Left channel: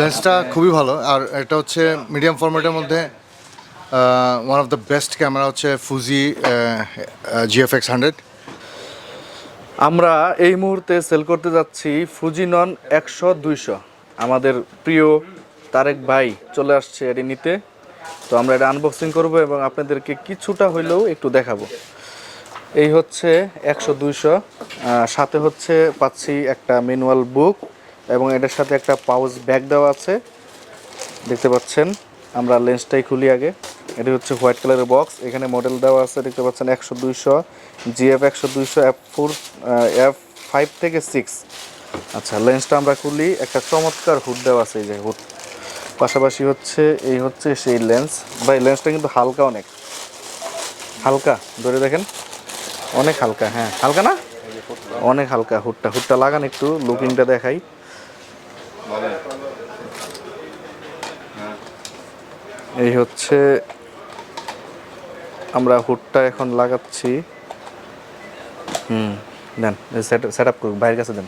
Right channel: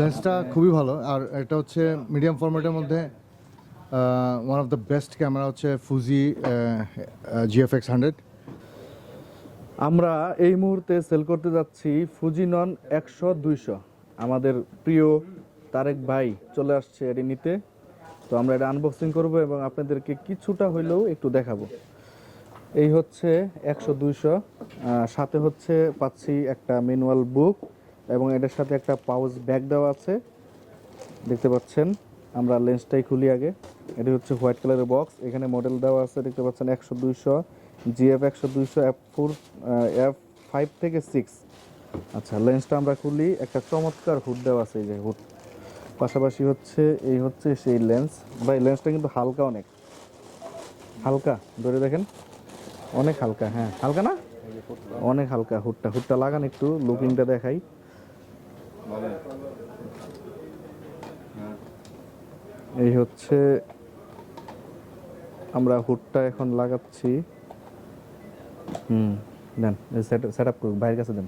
লেন্সটা খুবই ভালো, আর এটা হচ্ছে মিডিয়াম ফরম্যাটের মধ্যে one of the best camera হচ্ছে ফুজি GF-100। আমরা এই মুহূর্তে সেল করতে যাচ্ছি ফুজিনন 100-200। আমাদের প্রিয় তারেক ভাই চলে আসছে এটি নিতে। তো আমরা এটা আনবক্সিং করব এবং আপনাদেরকে কিছুটা হইলেও একটু দেখাবো। এই হচ্ছে 100-200, সাথে হচ্ছে পাচ্ছি একটা ম্যানুয়াল বুক এবং এটার সাথে একটা পাউচ ব্যাগ দেওয়া আছে, দেখতে পাচ্ছেন। আমরা লেন্সটাই খুলি আগে। এটি হচ্ছে হোয়াইট কালারের বক্স, এখানে মডেল দেওয়া আছে, দেখতে পাচ্ছেন 100-200 GF-100-200 F5.6। আচ্ছা, লেন্সটা আমরা খুলি। একটা চমৎকার হুড দেওয়া আছে, এই যে হুড। পাশাপাশি হচ্ছে এই হচ্ছে সেই লেন্স। ভাই লেন্সটা কিন্তু হালকা, অনেক হালকা, ধরে দেখেন, অনেক হালকা। হ্যাঁ, হালকা না, অনেক হালকা। হুডটা লাগান, একটু লুকিংটা দেখাই। এই হচ্ছে আমরা হুডটা এখন লাগাচ্ছি। দেন সেট আপ করুন, ভাইয়ের কাছে দেন।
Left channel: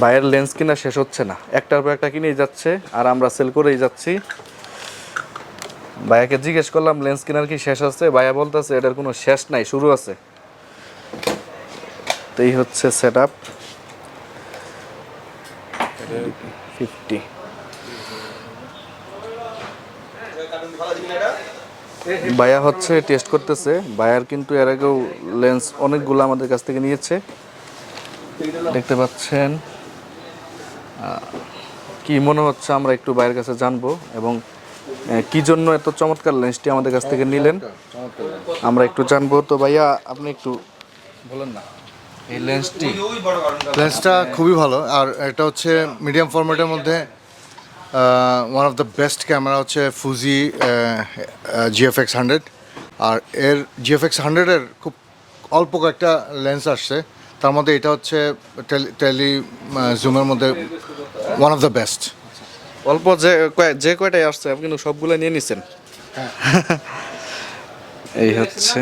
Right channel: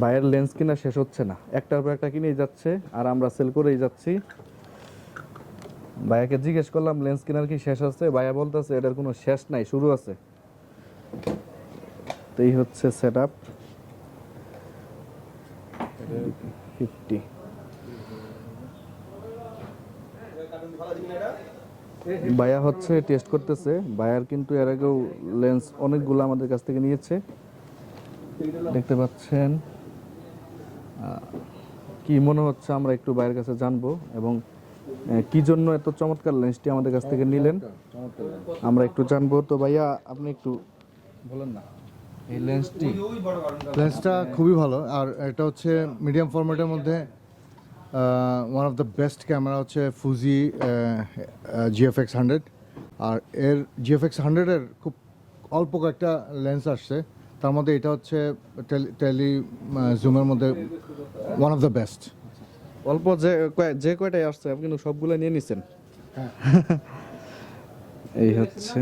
ভাইয়ের লেন্স কিনা শেষ হচ্ছে না, একটার পর একটা কিনেই যাচ্ছে, আর আমরা সেল করেই যাচ্ছি। ভাইয়াকে জিজ্ঞেস করলাম লেন্স কেনার কি শেষ আছে, ভাইয়া বলতেছে এটার কোনো শেষ নাই, শুরু আছে। তো এই হচ্ছে সেট আপ 50। ভাইয়া হচ্ছে টেস্ট করতেছে। ভাইয়ার কিন্তু এর আগেও লেন্স অনেকগুলো আমাদের কাছ থেকে নিয়েছে, দেখতে পাচ্ছেন। কি মনে হচ্ছে আমরা একটু ভাইয়ের কাছে জানবো, এবং কি জন্য এত চমৎকার লেন্সটি আমাদের কাছ থেকে নিলেন আমরা একটু জানবো। তো ভাইয়া আপনি একটু বলেন না এই লেন্সটা খুবই ভালো, আর এটা হচ্ছে মিডিয়াম ফরম্যাটের মধ্যে one of the best camera হচ্ছে ফুজি GF-100। আর এর GF-100-এর খুব অল্প কয়েকটা লেন্স আসছে, তার মধ্যে এটা হচ্ছে টেলি জুমের মধ্যে ওয়ান অফ দ্য বেস্ট। অল্প যে কয়টাই আসছে আপনি কিন্তু সবগুলো নিয়ে নিছেন। এই হচ্ছে